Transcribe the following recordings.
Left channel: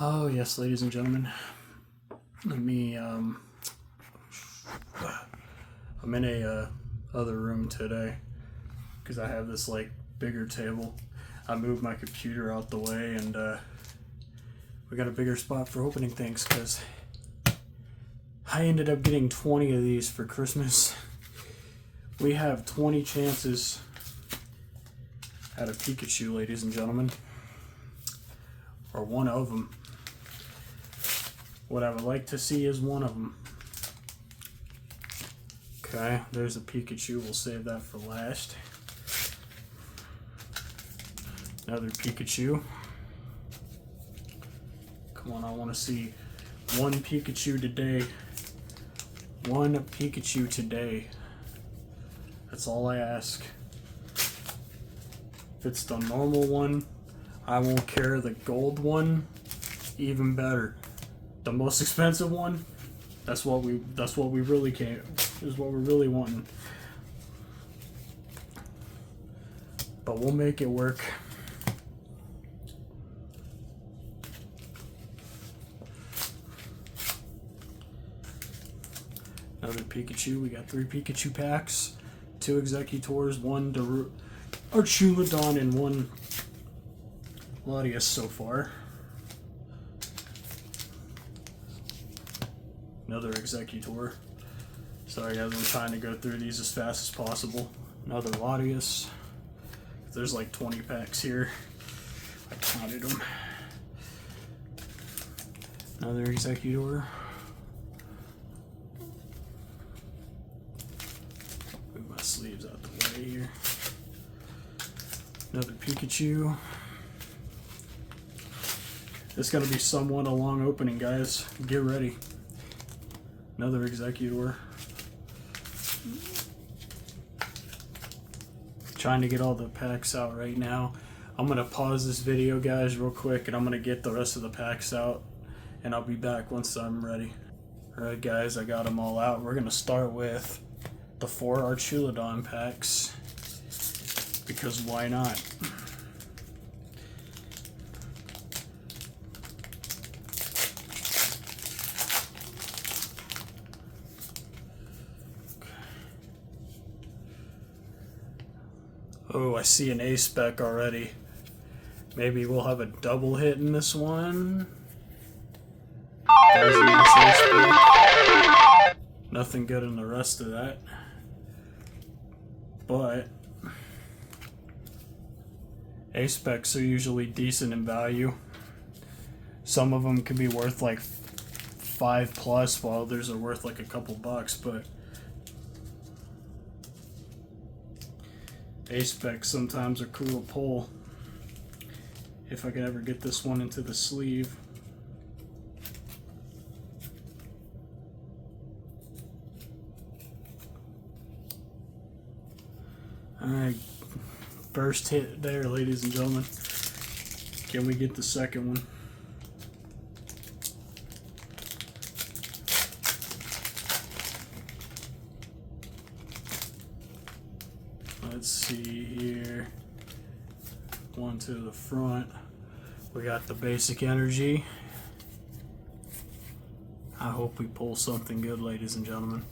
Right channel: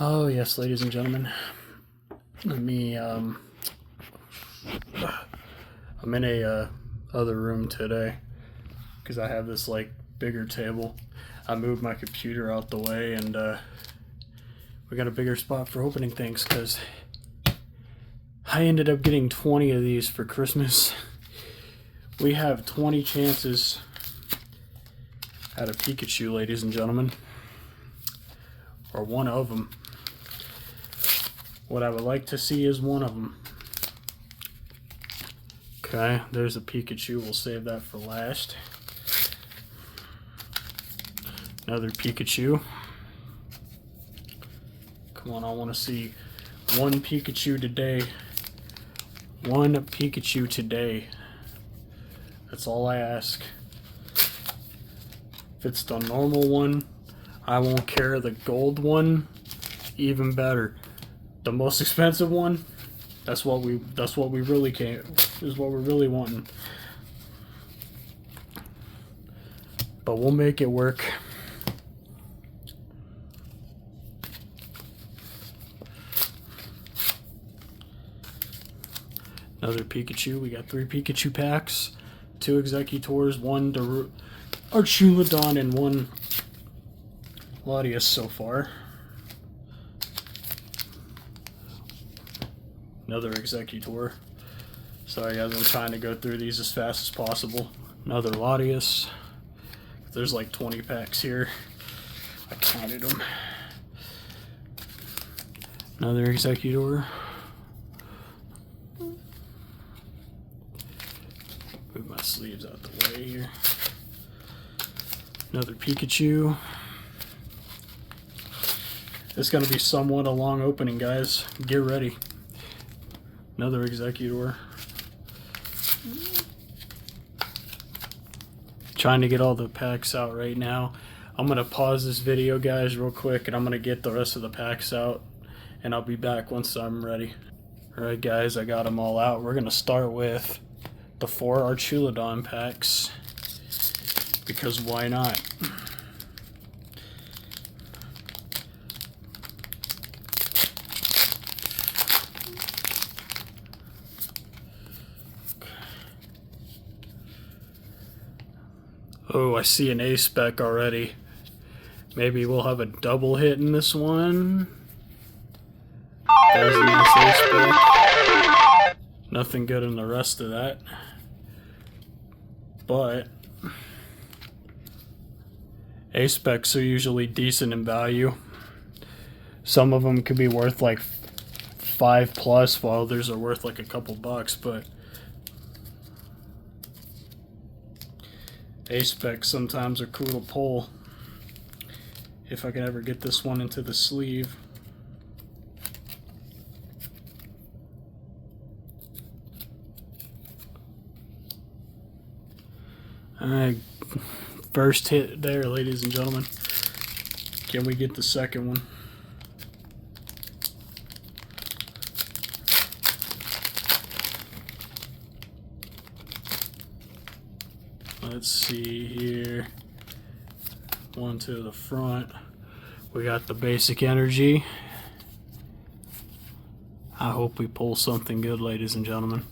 Oh yes, ladies and gentlemen. Let me. I'm in a other room today because I have this like bigger table. I moved my computer out the way, and we got a bigger spot for opening things because I ended up getting 20 of these for Christmas. We have 20 chances at a Pikachu, ladies and gentlemen, or one of them. What I would like to see is one of them. Okay, there's a Pikachu. We'll save that for last. Another Pikachu. Come on, I want to see one Pikachu today. One Pikachu today. That's all I ask. If it's the normal one, I won't care. The gold one, even better. The most expensive one, that's what we really is what we're really wanting. But we'll make it work. Another Pikachu. We got 3 Pikachu packs, 2 Executors, 1 Archulodon, and 1 Latias so far. Another Executor. Sorry guys, I'm trying to go through these as fast as possible. Another Latias. There's like 20 packs here. I counted them. Another Executor. Move my sleeves out the way here. Another Pikachu. It's going to be somewhat a long opening, guys. Get ready. Another Executor. Trying to get all the packs out right now. I'm going to pause this video, guys, real quick, and I'm going to get the rest of the packs out, and I'll be back once I'm ready. Alright, guys, I got them all out. We're going to start with the 4 Archulodon packs, because why not? Oh, I see an A spec already. Maybe we'll have a double hit in this one. There's a nice A spec. Nothing good in the rest of that. But A specs are usually decent in value. Some of them could be worth like 5 plus, while others are worth like a couple bucks, but A-specs sometimes are cool to pull. If I can ever get this one into the sleeve. Alright, first hit there, ladies and gentlemen. Can we get the second one? Let's see here. One to the front. We got the basic energy. I hope we pull something good, ladies and gentlemen.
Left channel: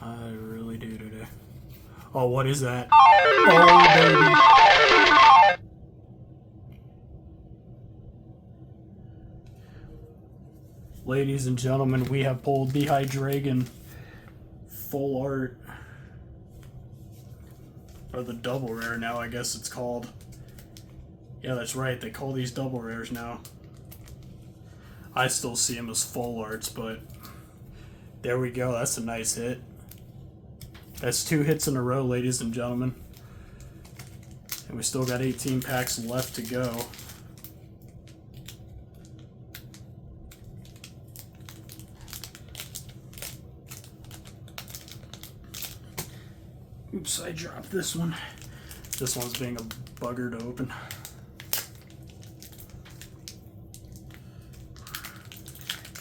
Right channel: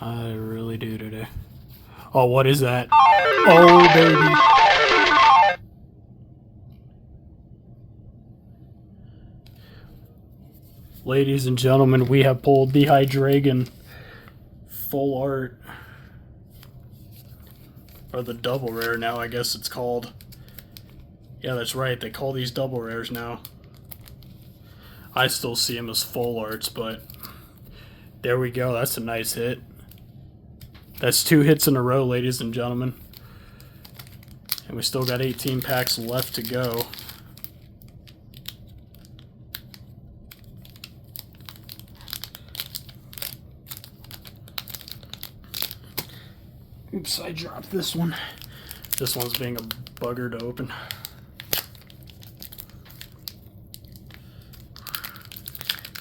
I really do today. Oh, what is that? Oh, baby. Ladies and gentlemen, we have pulled the Hydreigon full art. Or the double rare now, I guess it's called. Yeah, that's right. They call these double rares now. I still see them as full arts, but there we go. That's a nice hit. That's 2 hits in a row, ladies and gentlemen. And we still got 18 packs left to go. Oops, I dropped this one. This one's being a bugger to open.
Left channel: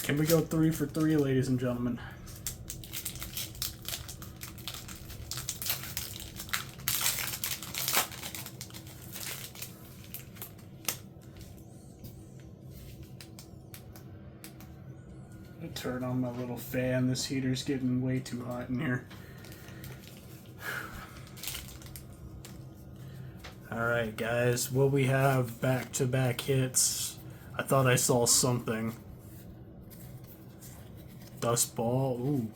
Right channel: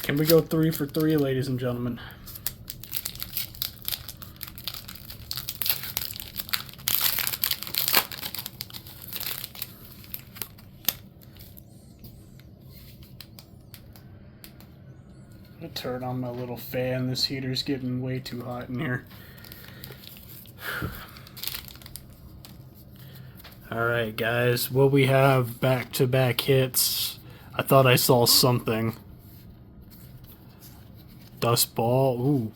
Can we go 3 for 3, ladies and gentlemen? Turn on my little fan. This heater's getting way too hot in here. Alright guys, what we have back-to-back hits. I thought I saw something. Dust ball. Ooh.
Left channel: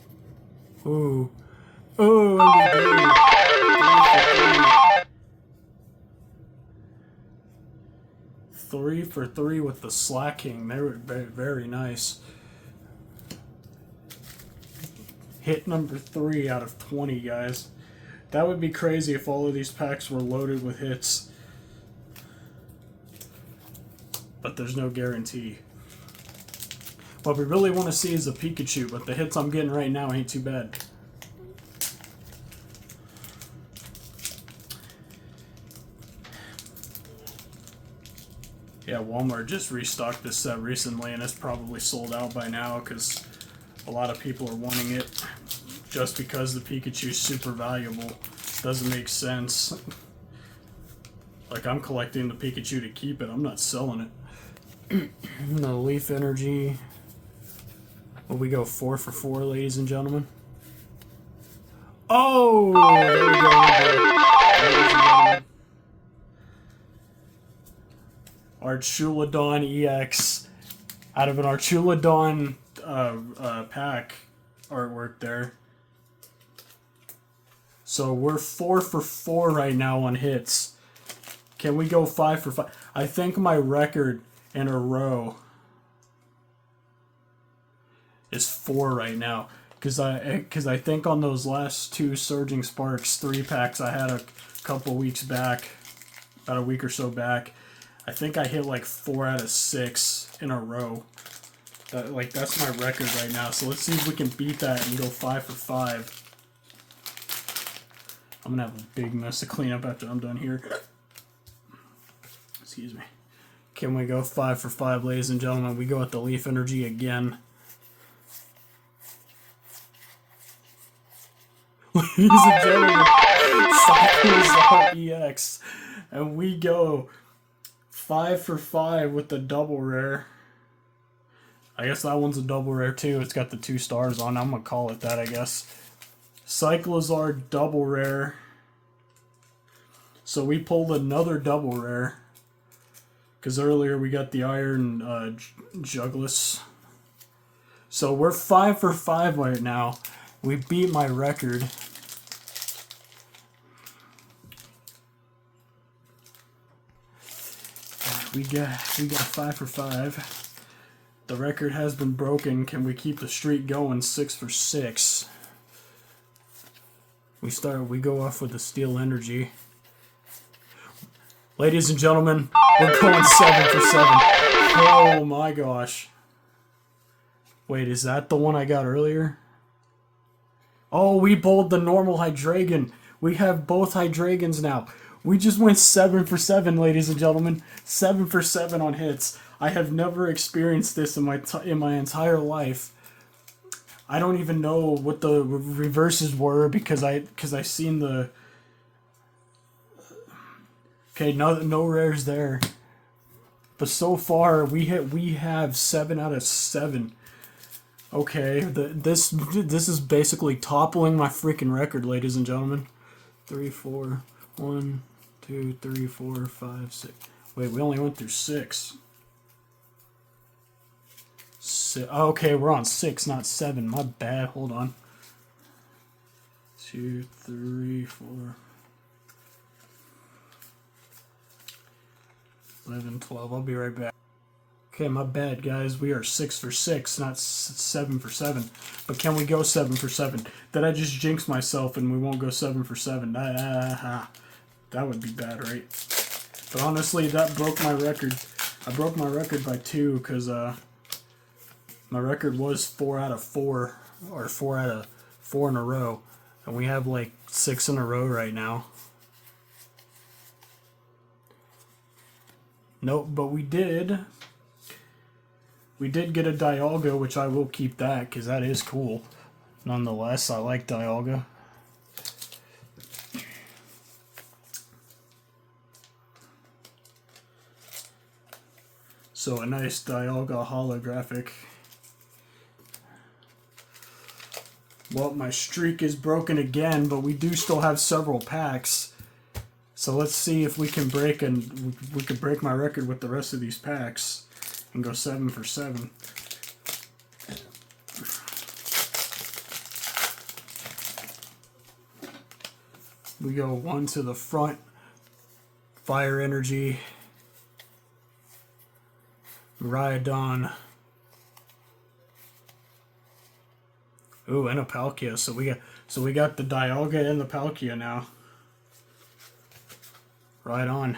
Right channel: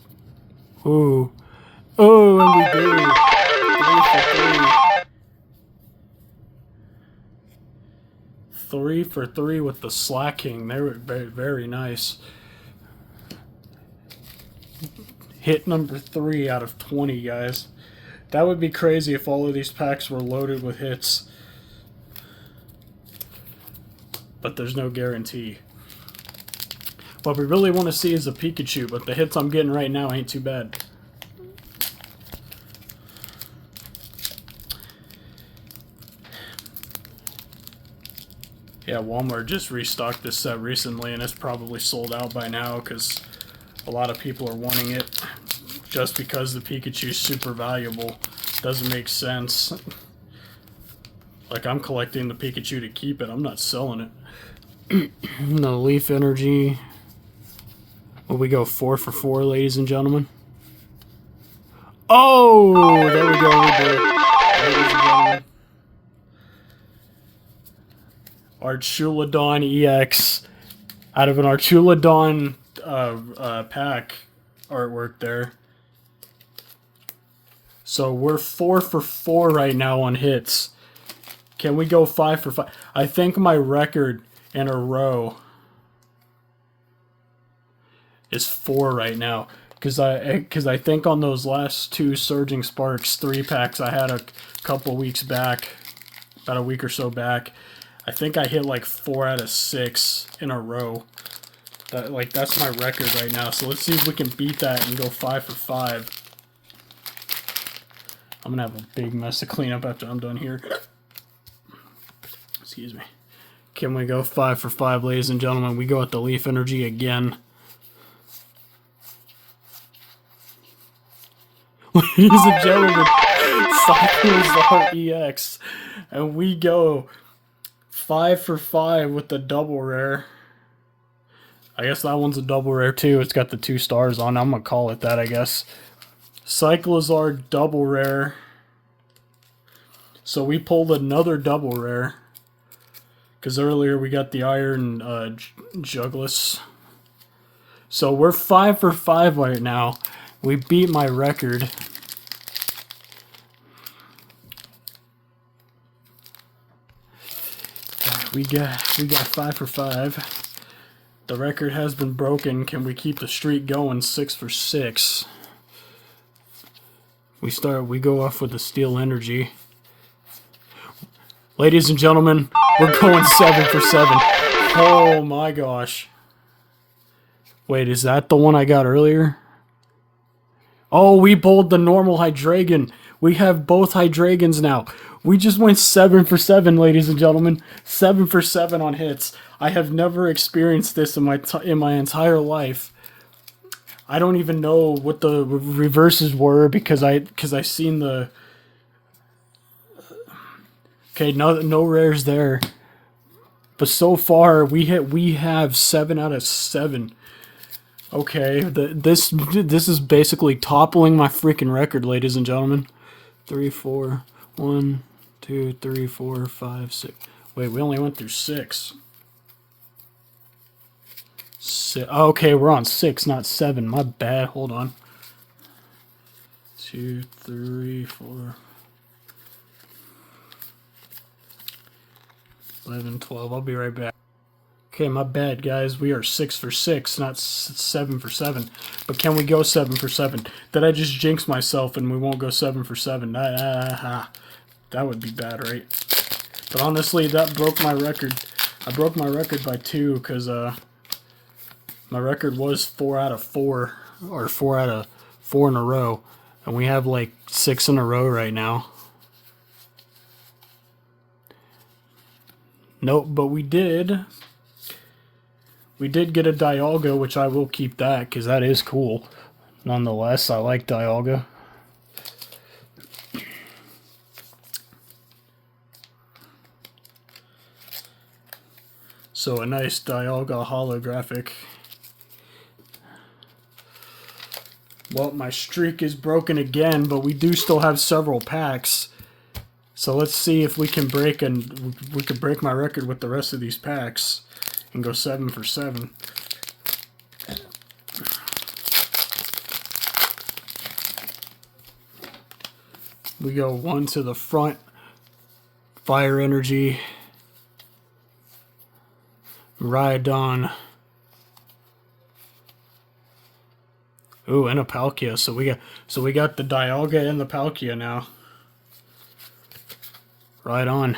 Ooh. Oh, and we did. 3 for 3 with the slacking. They were very, very nice. Hit number 3 out of 20, guys. That would be crazy if all of these packs were loaded with hits. But there's no guarantee. What we really want to see is a Pikachu, but the hits I'm getting right now ain't too bad. Yeah, Walmart just restocked this set recently, and it's probably sold out by now because a lot of people are wanting it just because the Pikachu's super valuable. Doesn't make sense. Like, I'm collecting the Pikachu to keep it. I'm not selling it. No Leaf Energy. Will we go 4 for 4, ladies and gentlemen? Oh! There we go. Ladies and gentlemen. Archulodon EX out of an Archulodon pack artwork there. So we're 4 for 4 right now on hits. Can we go 5 for 5? I think my record in a row is 4 right now. Because I think on those last 2 Surging Sparks 3-packs I had a couple weeks back, about a week or so back, I think I hit like 4 out of 6 in a row. That's my record right now. So let's see if we can beat that and go 5 for 5. I'm gonna have a big mess to clean up after I'm done here. Excuse me. Can we go 5 for 5, ladies and gentlemen? We go at the Leaf Energy again. Ladies and gentlemen, Cyclizar EX. And we go 5 for 5 with the double rare. I guess that one's a double rare too. It's got the 2 stars on. I'm gonna call it that, I guess. Cyclizar double rare. So we pulled another double rare. Because earlier we got the Iron Jugless. So we're 5 for 5 right now. We beat my record. We got 5 for 5. The record has been broken. Can we keep the streak going? 6 for 6. We go off with the Steel Energy. Ladies and gentlemen, we're going 7 for 7. Oh my gosh. Wait, is that the one I got earlier? Oh, we bowled the normal Hydreigon. We have both Hydreigons now. We just went 7 for 7, ladies and gentlemen. 7 for 7 on hits. I have never experienced this in my entire life. I don't even know what the reverses were because I seen the. Okay, no rares there. But so far we have 7 out of 7. Okay, this is basically toppling my freaking record, ladies and gentlemen. 3, 4, 1, 2, 3, 4, 5, 6. Wait, we only went through 6. Okay, we're on 6, not 7. My bad. Hold on. 2, 3, 4, 11, 12. I'll be right back. Okay, my bad, guys. We are 6 for 6, not 7 for 7. But can we go 7 for 7? Did I just jinx myself and we won't go 7 for 7? That would be bad, right? But honestly, that broke my record. I broke my record by 2 because my record was 4 out of 4, or 4 out of 4 in a row. And we have like 6 in a row right now. Nope, but we did get a Dialga, which I will keep that because that is cool. Nonetheless, I like Dialga. So a nice Dialga holographic. Well, my streak is broken again, but we do still have several packs. So let's see if we can break my record with the rest of these packs and go 7 for 7. We go 1 to the front. Fire Energy. Rhydon. Ooh, and a Palkia. So we got the Dialga and the Palkia now. Right on.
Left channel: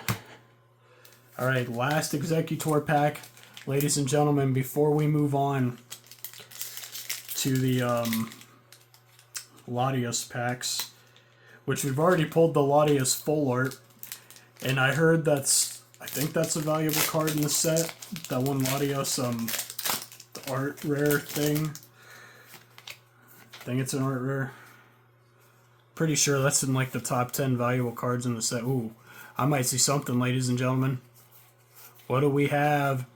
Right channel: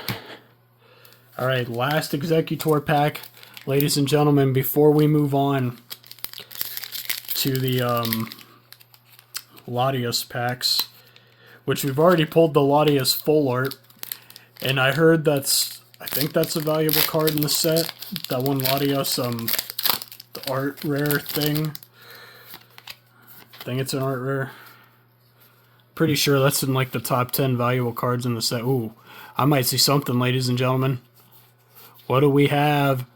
All right, last Executor pack, ladies and gentlemen. Before we move on to the Latios packs, which we've already pulled the Latios full art, and I heard I think that's a valuable card in the set. That one Latios the art rare thing. I think it's an art rare. Pretty sure that's in like the top 10 valuable cards in the set. Ooh, I might see something, ladies and gentlemen. What do we have?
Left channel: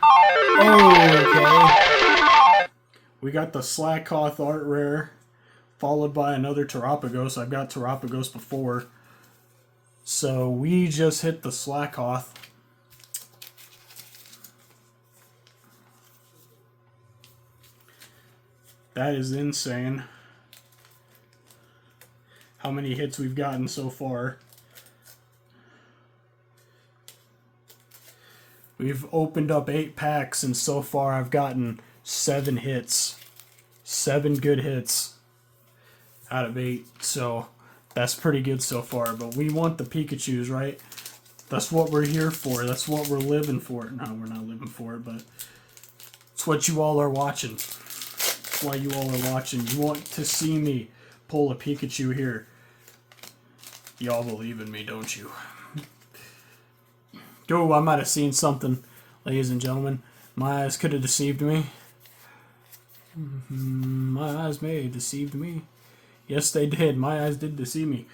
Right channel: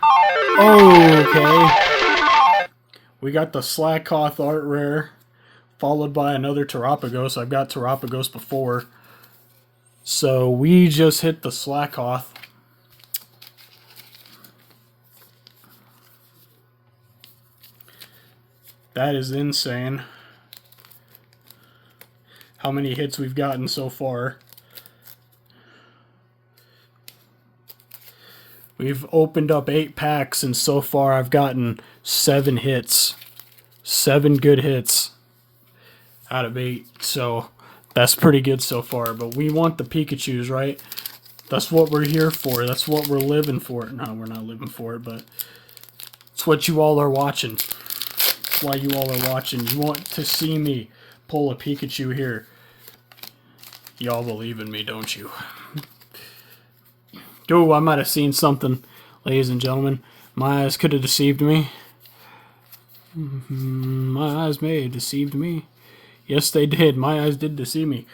Oh, okay. We got the Slakoth art rare, followed by another Terapagos. I've got Terapagos before. So we just hit the Slakoth. That is insane. How many hits we've gotten so far. We've opened up 8 packs, and so far I've gotten 7 hits. 7 good hits out of 8. So that's pretty good so far. But we want the Pikachus, right? That's what we're here for. That's what we're living for. No, we're not living for it, but it's what you all are watching. That's why you all are watching. You want to see me pull a Pikachu here. Y'all believe in me, don't you? Oh, I might have seen something, ladies and gentlemen. My eyes could have deceived me. My eyes may have deceived me. Yes, they did. My eyes did deceive me.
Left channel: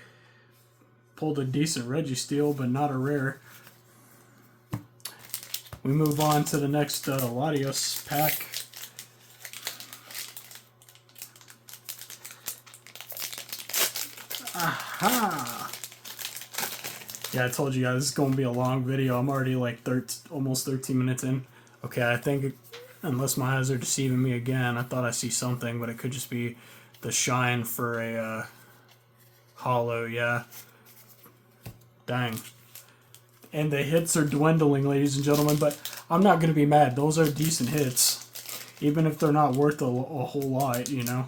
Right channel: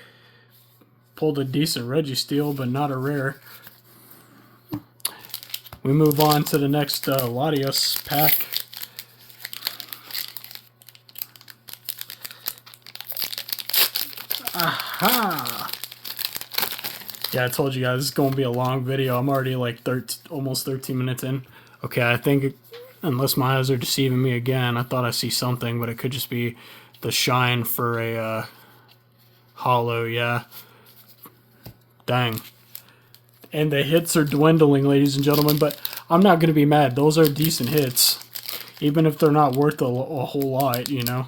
Pulled a decent Registeel, but not a rare. We move on to the next Latios pack. Aha! Yeah, I told you guys it's going to be a long video. I'm already like almost 13 minutes in. Okay, I think, unless my eyes are deceiving me again, I thought I see something, but it could just be the shine for a holo, yeah. Dang. And the hits are dwindling, ladies and gentlemen, but I'm not going to be mad. Those are decent hits, even if they're not worth a whole lot, you know.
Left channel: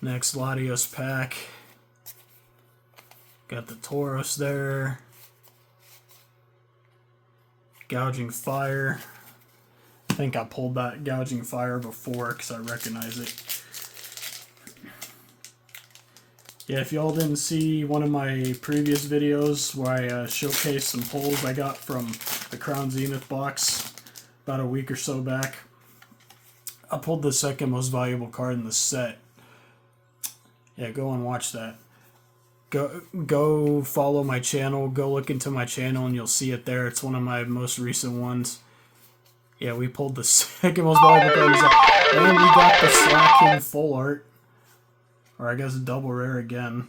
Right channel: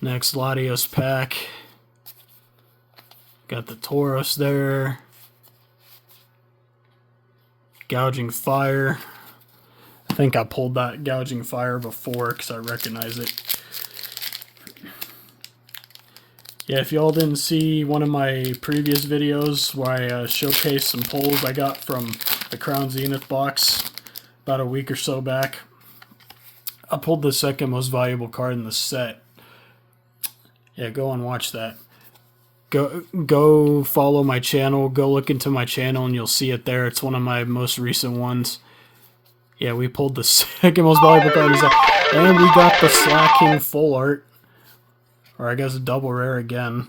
Next Latios pack. Got the Tauros there. Gouging Fire. I think I pulled that Gouging Fire before because I recognize it. Yeah, if y'all didn't see one of my previous videos where I showcased some pulls I got from the Crown Zenith box about a week or so back, I pulled the second most valuable card in the set. Yeah, go and watch that. Go follow my channel. Go look into my channel and you'll see it there. It's one of my most recent ones. Yeah, we pulled the second most valuable card. And we got the Slaking full art. Or I guess double rare again.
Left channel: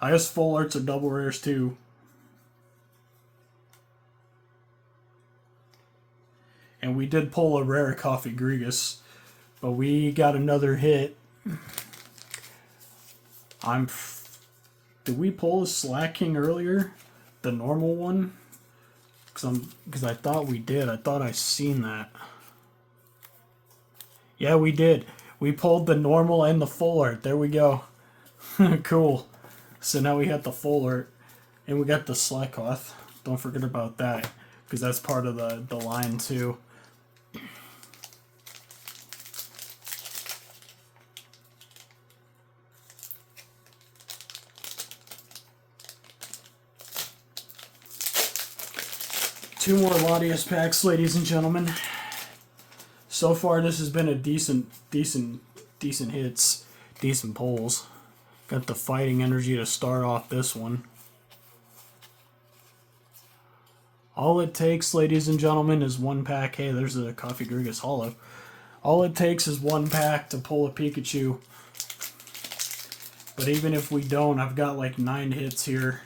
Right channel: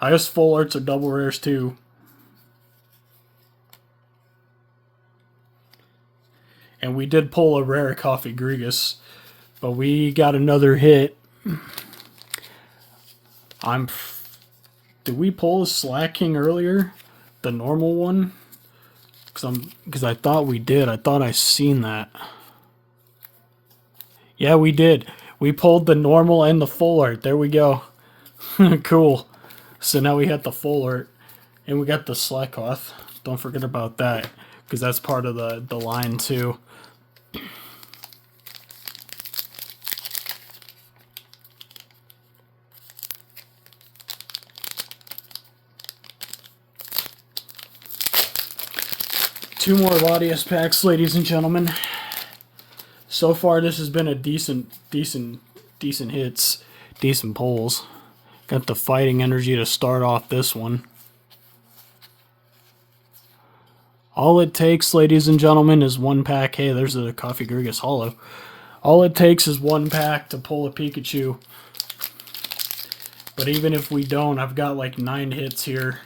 I guess full arts are double rares too. And we did pull a rare Coffee Grigus. But we got another hit. Did we pull a Slaking earlier? The normal one? Because I thought we did. I thought I seen that. Yeah, we did. We pulled the normal and the full art. There we go. Cool. So now we got the full art. And we got the Slakoth. Don't forget about that. Because that's part of the line too. Two more Latios packs, ladies and gentlemen. So far, this has been a decent hits, decent pulls. Got the fighting energy to start off this one. All it takes, ladies and gentlemen, is one pack. Hey, there's a Coffee Grigus Hollow. All it takes is one pack to pull a Pikachu. But even if we don't, I've got like 9 hits here.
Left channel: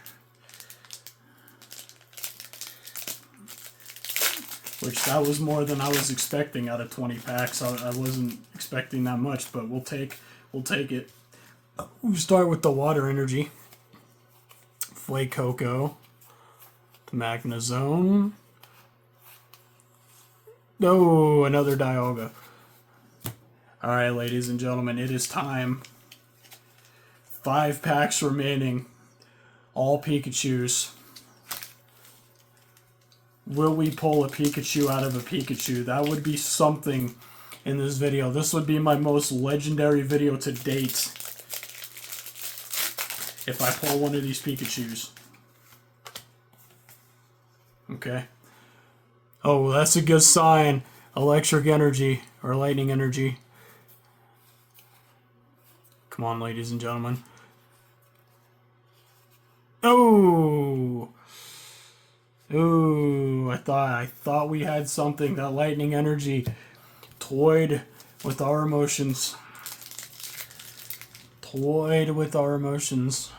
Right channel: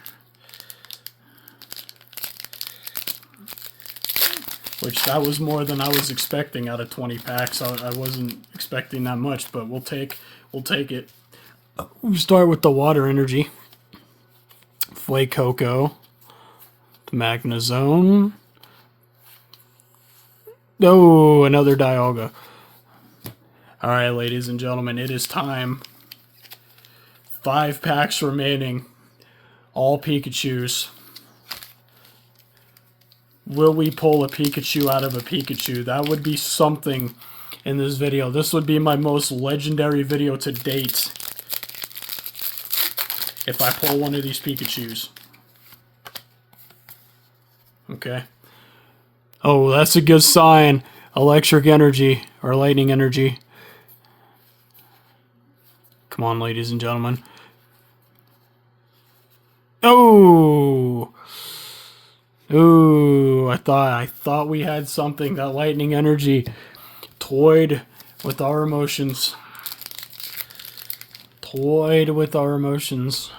Which that was more than I was expecting out of 20 packs. I wasn't expecting that much, but we'll take it. We start with the water energy. Fuecoco. The Magnezone. Oh, another Dialga. Alright, ladies and gentlemen, it is time. 5 packs remaining. All Pikachus. Will we pull a Pikachu out of a Pikachu? That would be something in this video. This would be my most legendary video to date. If I pull one of these Pikachus. Okay. Oh, that's a good sign. Electric energy or lightning energy. Come on, ladies and gentlemen. Oh! Ooh, I thought we had something. That lightning energy toyed with our emotions. Toyed with our emotions.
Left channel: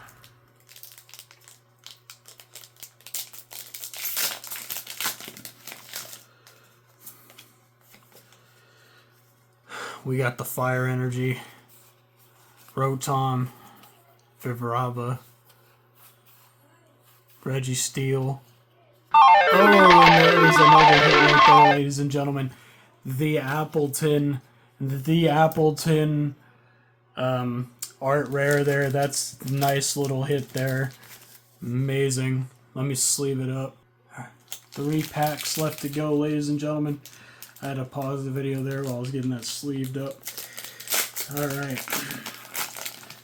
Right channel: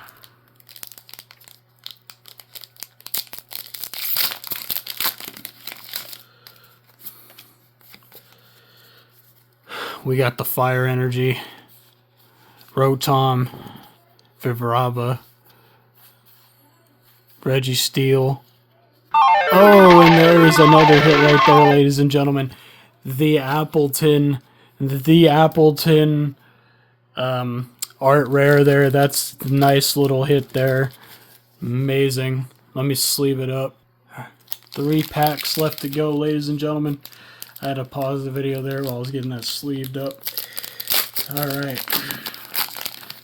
We got the fire energy. Rotom, Vibrava, Registeel. Oh, and there is another hit right there, ladies and gentlemen. The Appleton art rare there. That's a nice little hit there. Amazing. Let me sleeve it up. 3 packs left to go, ladies and gentlemen. I had to pause the video there while I was getting that sleeved up. Alright.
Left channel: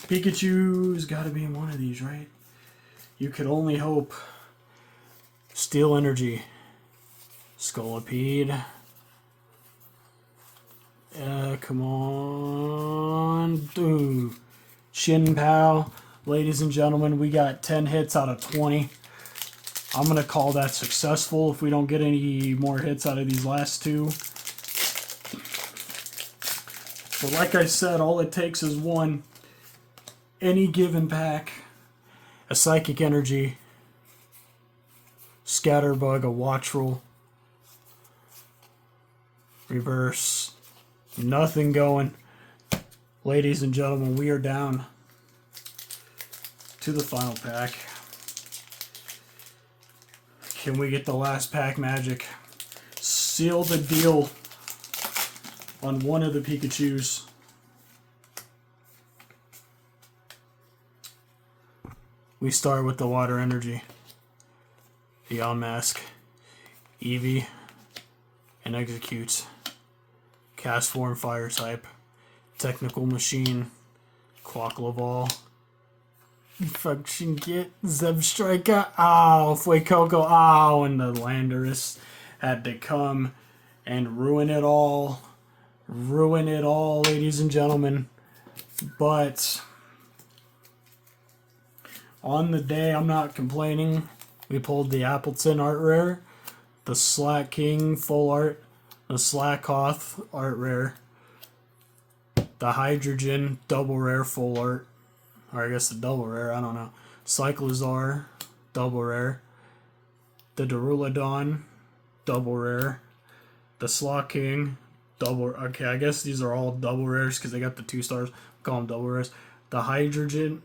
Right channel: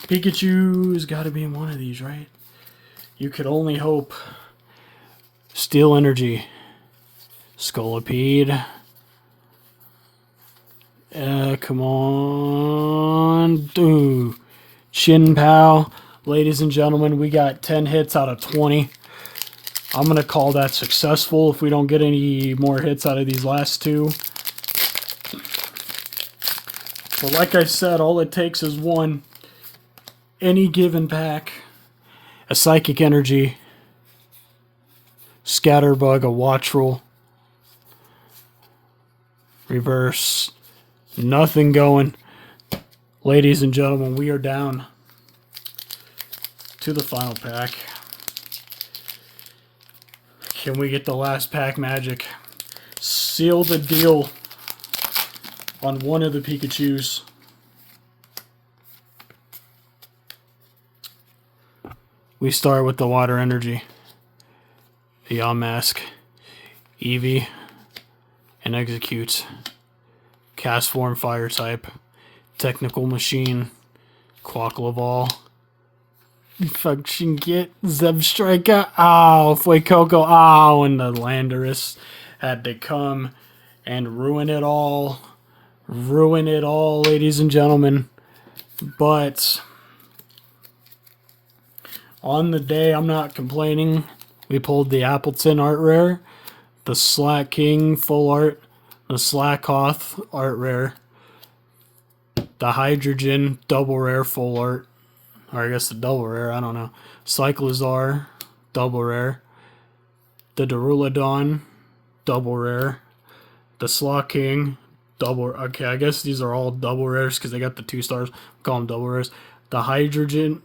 Pikachu's got to be in one of these, right? You could only hope. Steel Energy. Scolipede. Come on. Dude. Chin-Pow. Ladies and gentlemen, we got 10 hits out of 20. I'm going to call that successful if we don't get any more hits out of these last 2. But like I said, all it takes is one. Any given pack. A Psychic Energy. Scatterbug, a Wattrel. Reverse. Nothing going. Ladies and gentlemen, we are down to the final pack. Can we get the last pack magic? Seal the deal on one of the Pikachus. We start with the water energy. The Yamask, Eevee, and Execute. Cast form fire type. Technical machine. Quackleval. Function get Zebstrika. Ow, Fuecoco. Ow, and the Landorus had to come and ruin it all. Ruin it all, ladies and gentlemen. But on the day, I'm not complaining. We pulled the Appleton art rare, the Slack King full art, the Slakoth art rare, the Hydrogen double rare full art, or I guess the double rare, I don't know. Cyclizar double rare, the Duraludon double rare, the Slaw King double. Okay, I guess these are all double rares because they got the 2 stars. Call them double rares. The Hydrogen,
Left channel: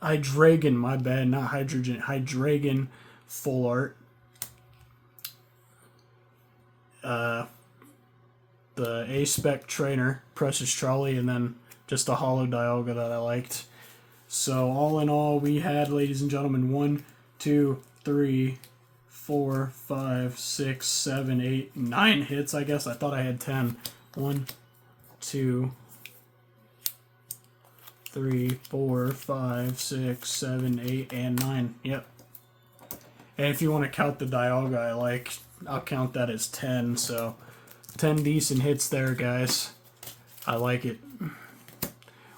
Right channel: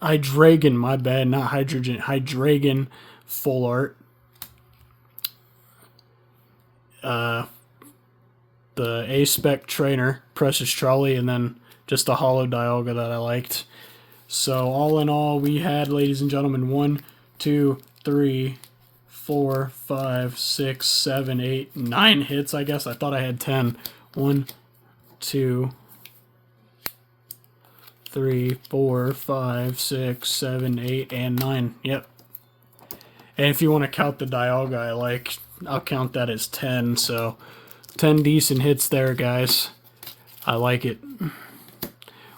my bad, not Hydrogen. Hydreigon full art. The A-Spec Trainer, Precious Trolley, and then just a Hollow Dialga that I liked. So all in all, we had, ladies and gentlemen, 1, 2, 3, 4, 5, 6, 7, 8, 9 hits, I guess. I thought I had 10. 1, 2, 3, 4, 5, 6, 7, 8, and 9. Yep. And if you want to count the Dialga I like, I'll count that as 10. So 10 decent hits there, guys. I like it.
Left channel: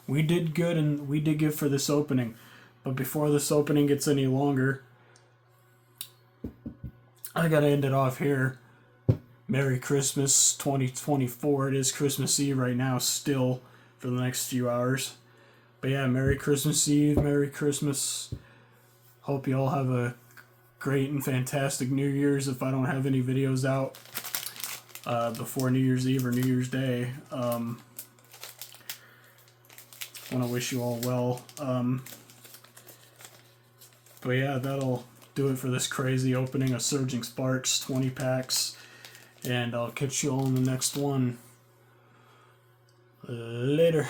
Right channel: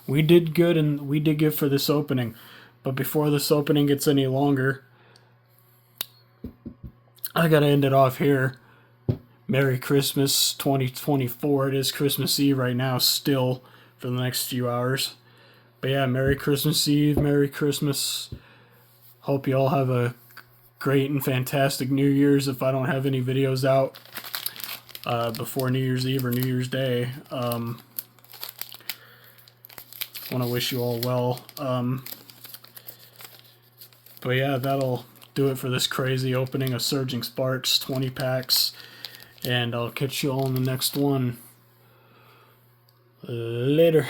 We did good, and we did good for this opening. But before this opening gets any longer, I gotta end it off here. Merry Christmas 2024. It is Christmas Eve right now still for the next few hours. But yeah, Merry Christmas Eve, Merry Christmas. Hope you all have a great and fantastic New Year's if I don't have any videos out before New Year's Eve or New Year's Day. I want to wish you all well. But yeah, that'll do it for this crazy opening of Surging Sparks 20 packs. And I'll catch you all in the next one. Later.